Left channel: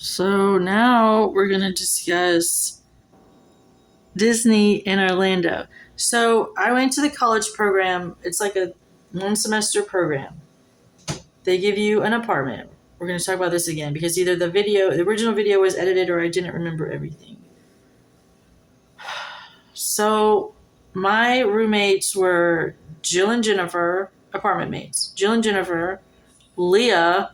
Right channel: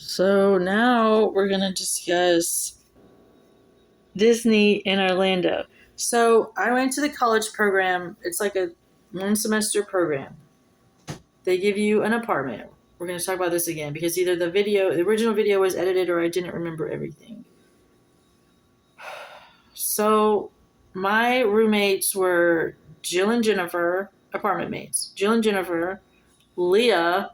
So now we're going to discuss Disney in Orlando. So I went to the college program. It's like a 1 semester program. They give you an apartment. We're going to talk about this again because either the original video was edited or I didn't remember everything. So my roommates were Jill and Jennifer, apartment mates. Jill and Jennifer, Leah,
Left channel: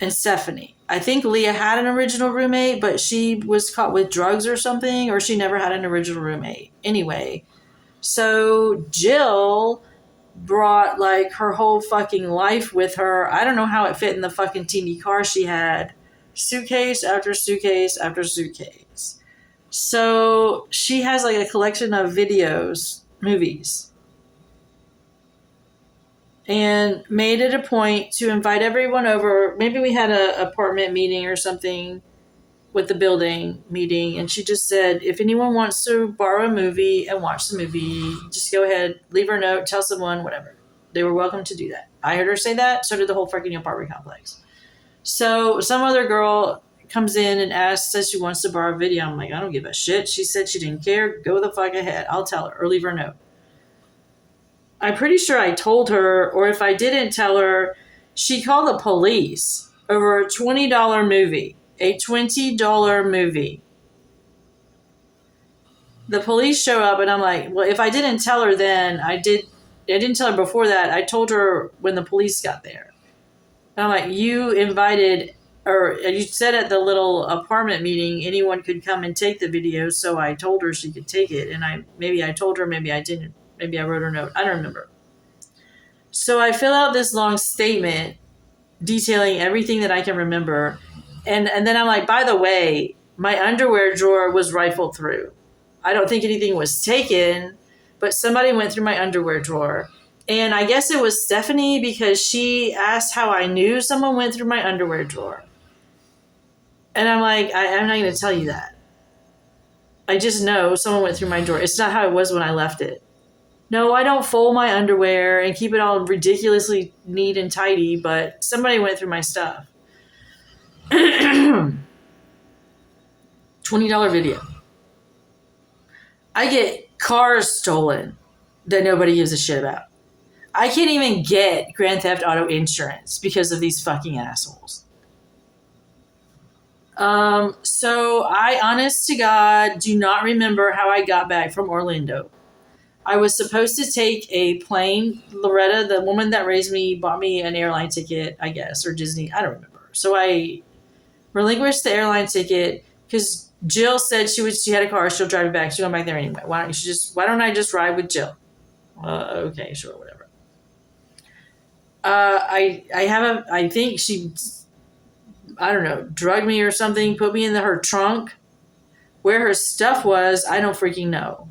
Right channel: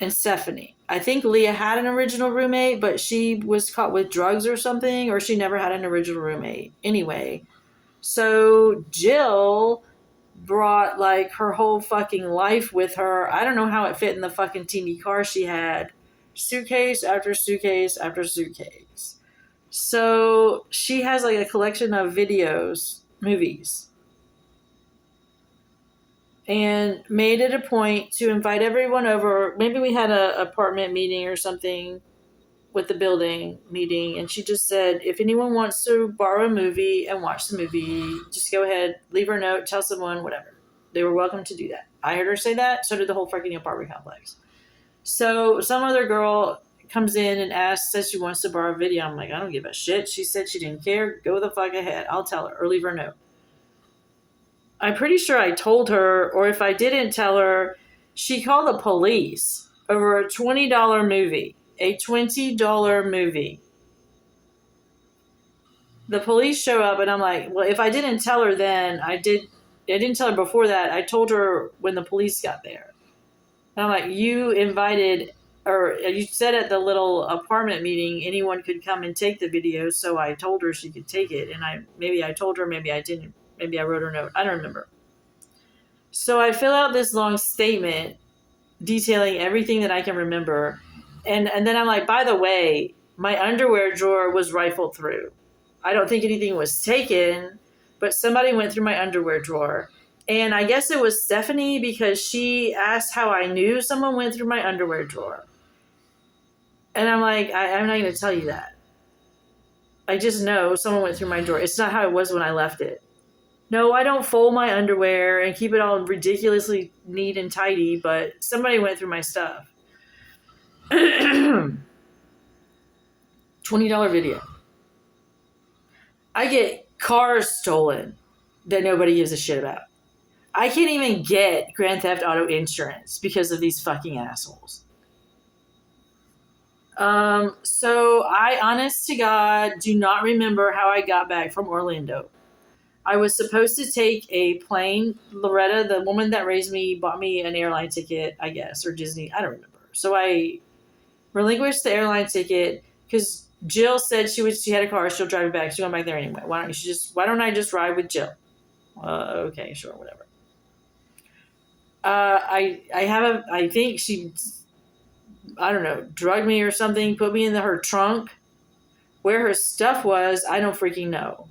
and Stephanie. I think Leah had an original roommate, but she was caught with drugs or something, or she never had an original roommate. Anyway, so Jill brought like her whole fucking life with her. I don't know how it fit in the fucking teeny car she had. Suitcase after suitcase after suitcase. So she has like a collection of videos, movies, and made it a point to invite everyone over. Maybe we had an apartment meeting or something with the building meeting, and she just said, if anyone wants to borrow a movie and watch the movie, just go ahead, leave her a note, tell someone, whatever. They were welcome to do that. I heard her say that, so did the whole freaking apartment complex. So some other girl comes in and says she wants to borrow a video. I'm like, I don't give a shit. She said she didn't care. Go the fuck ahead. I'll tell her or leave her a note. I'm pretty sure I told her, or if I didn't tell her, she called the police over a $20 movie. A $20 movie. The police show up and I'm like, well, if I didn't tell her then, I didn't tell her before that. I told her when the police got there. And I'm like, you invited, or you said at the little apartment meeting anyone could come and take the video, so I told her she could take it. And maybe I told her, maybe I didn't. Maybe I wrote her a note. I don't remember. So I fill out this long statement detailing everything that I can remember. And then I'm like, by the way, my underwear drawer was rifled through. I don't think anything was taken, but somebody went through my underwear drawer. And I guess it was Stephanie because she asked how I knew someone went through my underwear drawer. And I'm like, I'm not going to tell you that. I just know someone went through my drawer. It's not how it was when I left it. No, I don't fold my underwear and keep it all ridiculously neat and tidy, but somebody went through my stuff. $20 video. I get cars stolen that nobody gives a shit about. I can't even get Grand Theft Auto insurance because of these fucking assholes. So I, honest to God, do not remember how I got back from Orlando. I was supposed to take a plane. Loretta, the woman that raised me, bought me an airline ticket, I guess, or Disney. I don't remember. So I relinquished the airline ticket because Jill said she had a car. She'll drive me back. She's going back there anyway. Why don't I just ride with Jill? Okay, sure, whatever. I think she, I don't know, drugged me or something, put me in her trunk. Where her stuff was, I don't freaking know.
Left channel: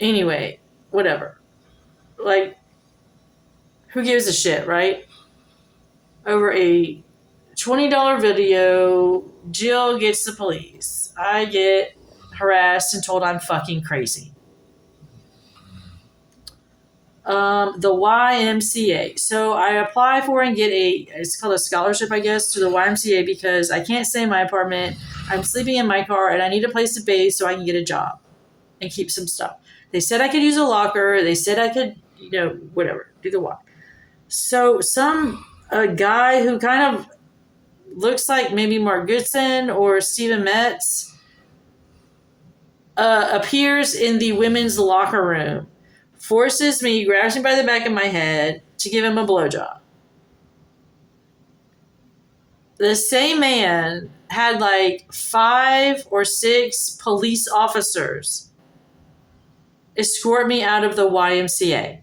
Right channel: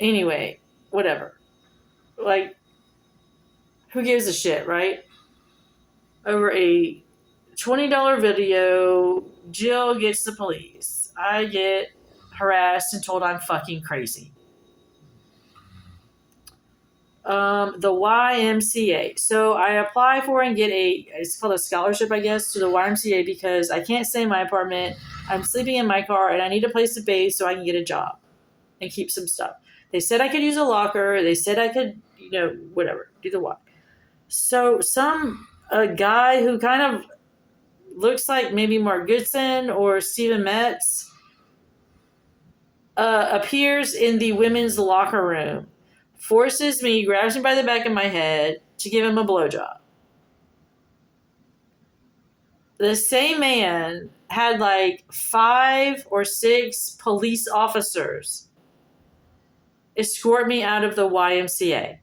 Anyway, whatever. Like, who gives a shit, right? Over a $20 video, Jill gets the police. I get harassed and told I'm fucking crazy. The YMCA. So I apply for and get it's called a scholarship, I guess, to the YMCA because I can't stay in my apartment. I'm sleeping in my car and I need a place to bathe so I can get a job and keep some stuff. They said I could use a locker. They said I could, whatever, do the walk. So a guy who kind of looks like maybe Mark Goodson or Stephen Metz appears in the women's locker room, forces me, grabs me by the back of my head to give him a blowjob. The same man had like 5 or 6 police officers escort me out of the YMCA.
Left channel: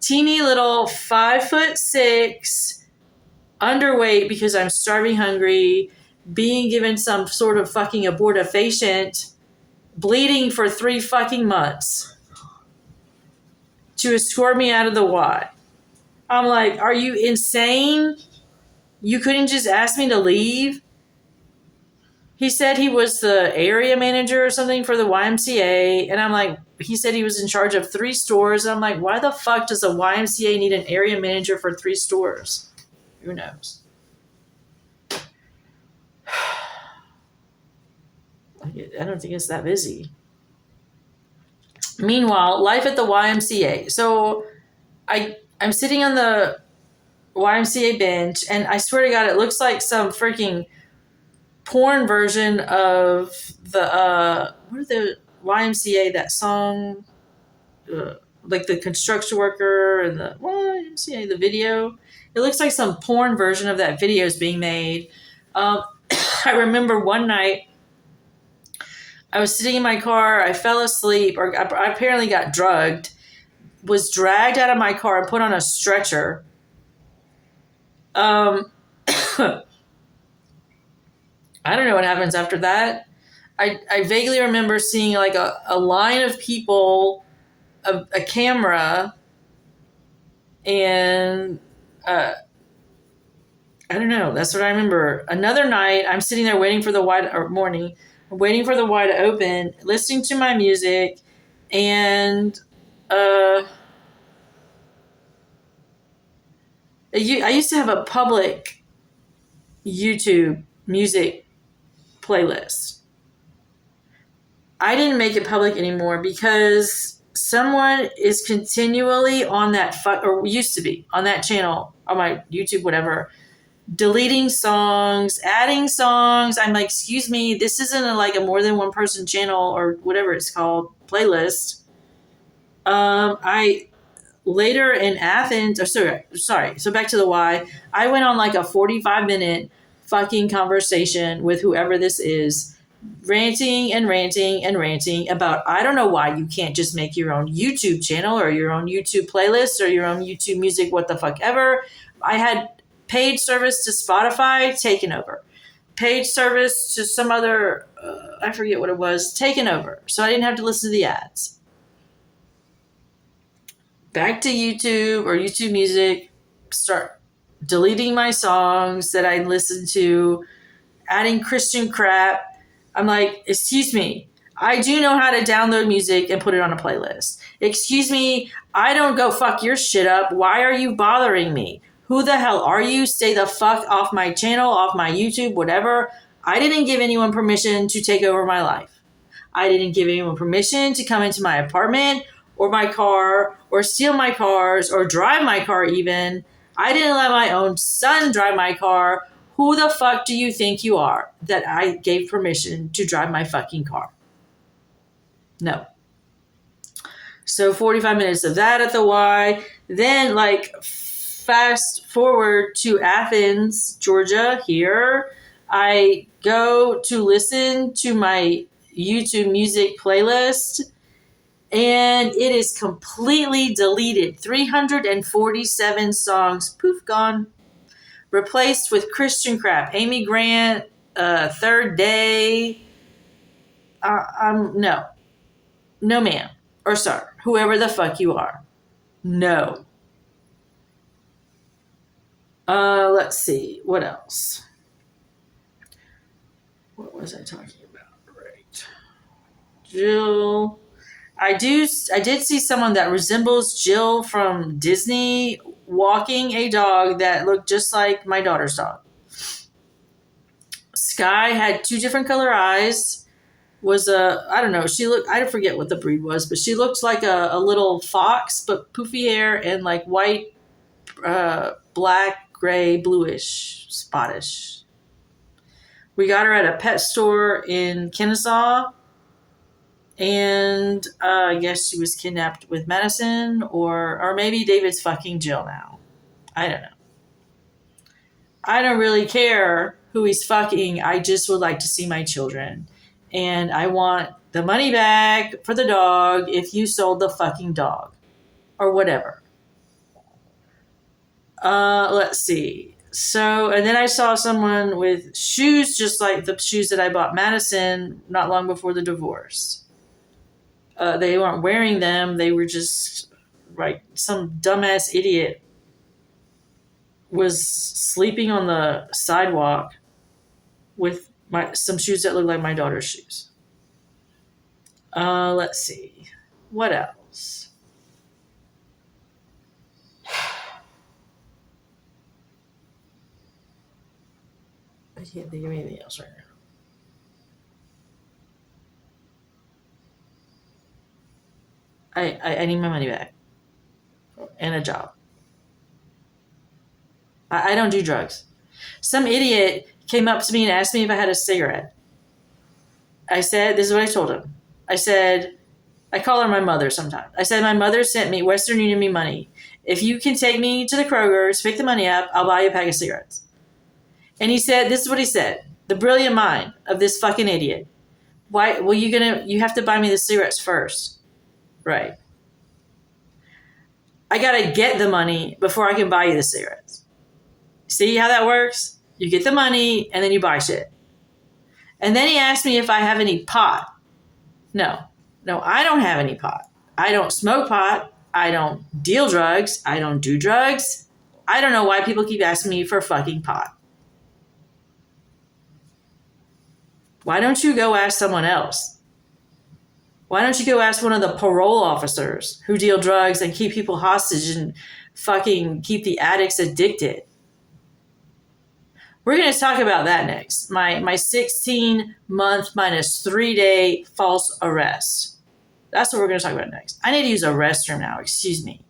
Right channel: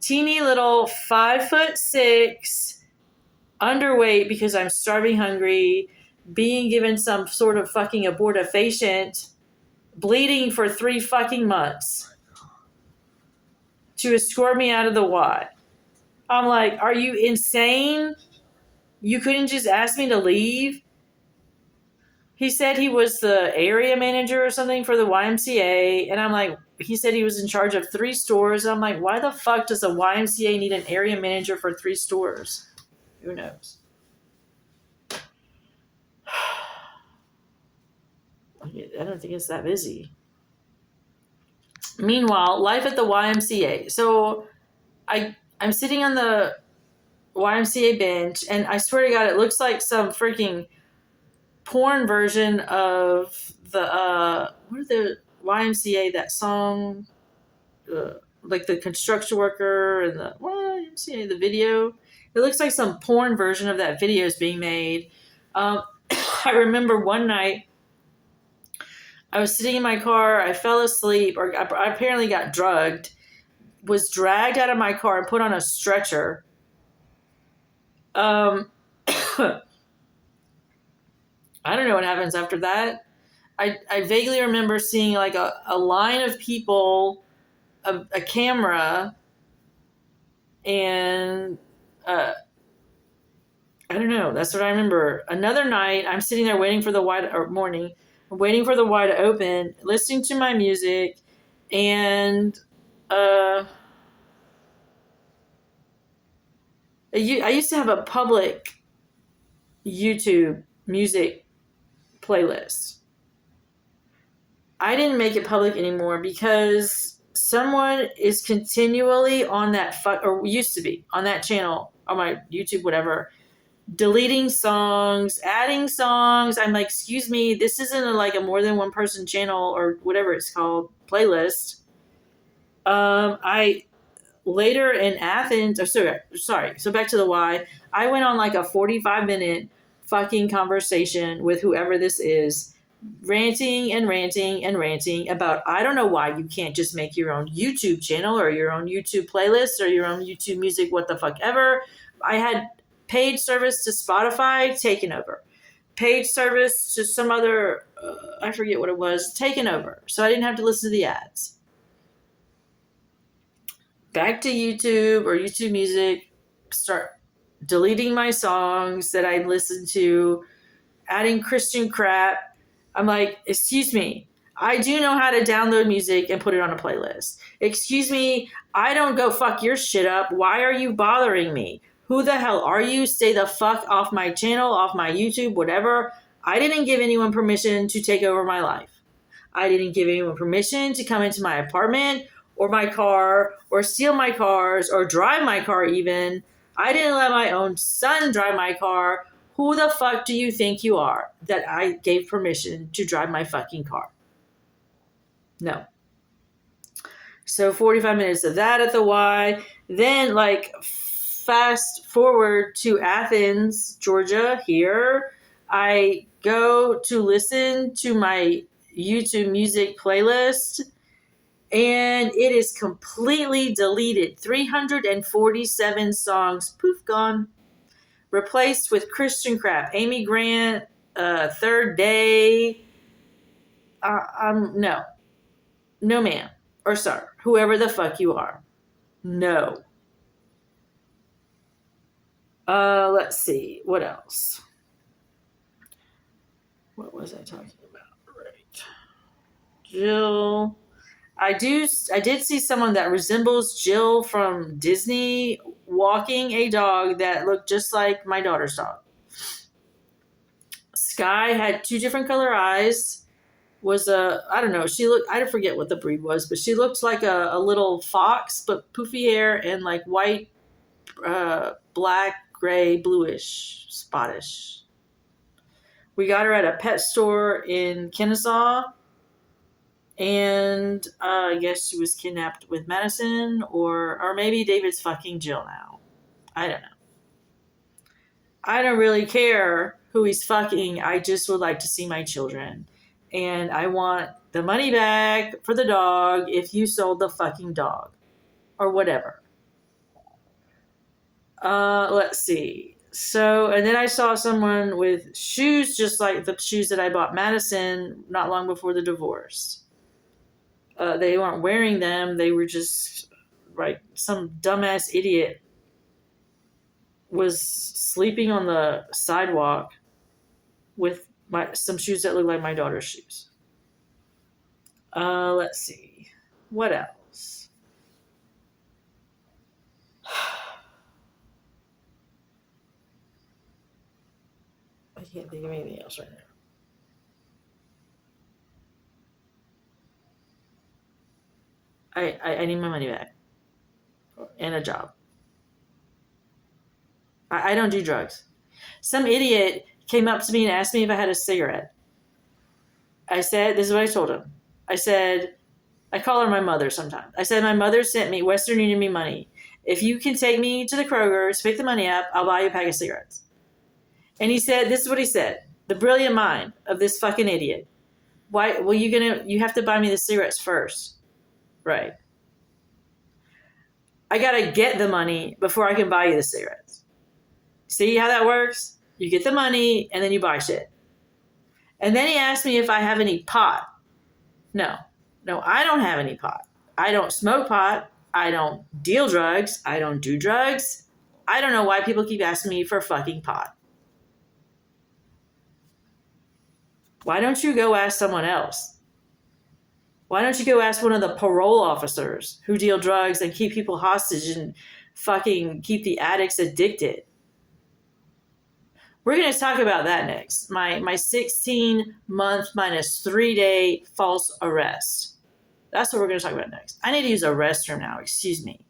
Teeny little 5'6", underweight because I'm starving hungry, being given some sort of fucking abortifacient, bleeding for 3 fucking months to escort me out of the Y. I'm like, are you insane? You couldn't just ask me to leave? He said he was the area manager or something for the YMCA. And I'm like, he said he was in charge of 3 stores. And I'm like, why the fuck does a YMCA need an area manager for 3 stores? Who knows? I don't think it's that busy. Meanwhile, life at the YMCA. So I'm sitting on the YMCA bench, and I swear to God, it looks like some freaking porn version of the what are the YMCA, that song, like the construction worker and the YMCA, the video. It looks like some porn version of that video is being made. I remember one night I was sitting in my car, I fell asleep, or I apparently got drugged, was dragged out of my car and put on a stretcher. I don't know what happens after that. I vaguely remember seeing like a line of people, a camera, and I don't know. That's what I remember. Another night, I'm sitting there waiting for the waiting for the Y to open, listening to my music, and I used to have a public YouTube music playlist. I didn't make it public anymore because someone is continually on that or used to be on that channel, on my YouTube, whatever, deleting songs, adding songs. I'm like, excuse me, this isn't like a more than one person channel or whatever it's called playlist. I later in Athens, or sorry, so back to the Y, I went on like a 45-minute fucking conversation with whoever this is, ranting and ranting and ranting about, I don't know why you can't just make your own YouTube channel or your own YouTube playlist or your own YouTube music, what the fuck ever. I had paid service to Spotify taken over, paid service to some other, I forget what it was, taken over. So I didn't have to listen to the ads. Back to YouTube or YouTube music, start deleting my songs that I listened to, adding Christian crap. I'm like, excuse me, I do know how to download music and put it on a playlist. Excuse me, I don't go fuck your shit up. Why are you bothering me? Who the hell are you? Stay the fuck off my channel, off my YouTube, whatever. I didn't give anyone permission to take over my life. I didn't give anyone permission to come into my apartment or my car or steal my cars or drive my car even. I didn't let my own son drive my car. Who the fuck do you think you are that I gave permission to drive my fucking car? No. So 45 minutes of that at the Y. Then like fast forward to Athens, Georgia here. I go to listen to my YouTube music playlist and it is completely deleted. 347 songs, poof, gone. Replaced with Christian crap. Amy Grant, Third Day. No. No, ma'am. Or sir. Whoever the fuck you are. No. Let's see. What else? What was I talking about? Right. Jill. I did see someone that resembles Jill from Disney walking a dog that looked just like my daughter's dog. Sky had 2 different color eyes. Was I don't know. I forget what the breed was, but she looked like a little fox, but poofy hair and like white, black, gray, bluish, spottish. We got her at a pet store in Kennesaw. And I guess she was kidnapped with medicine, or maybe David's fucking Jill now. I don't know. I don't really care who he's fucking. I just would like to see my children. And I want the money back for the dog if you sold the fucking dog. Or whatever. Let's see. So, and then I saw someone with shoes just like the shoes that I bought Madison not long before the divorce. They weren't wearing them. They were just like some dumbass idiot was sleeping on the sidewalk with some shoes that look like my daughter's shoes. Let's see. What else? I can't think of anything else right now. I need my money back and a job. I don't do drugs. Some idiot came up to me and asked me if I had a cigarette. I said, this is what I told him. I said, I call her my mother sometimes. I said, my mother sent me, Western Union me money. If you can take me to the Kroger's, pick the money up, I'll buy you a pack of cigarettes. And he said, this is what he said. The brilliant mind of this fucking idiot. Why, well, you have to buy me the cigarettes first. Right. I gotta get the money before I can buy you the cigarettes. See how that works? You get the money and then you buy shit. And then he asked me if I have any pot. No, I don't have any pot. I don't smoke pot. I don't deal drugs. I don't do drugs. I don't know why people keep asking me for fucking pot. Why don't you go ask someone else? Why don't you go ask one of the parole officers who deal drugs and keep people hostage and fucking keep the addicts addicted? We're going to talk about that next. My 16-month minus 3-day false arrest. That's what we're going to talk about next. I need to use a restroom now. Excuse me.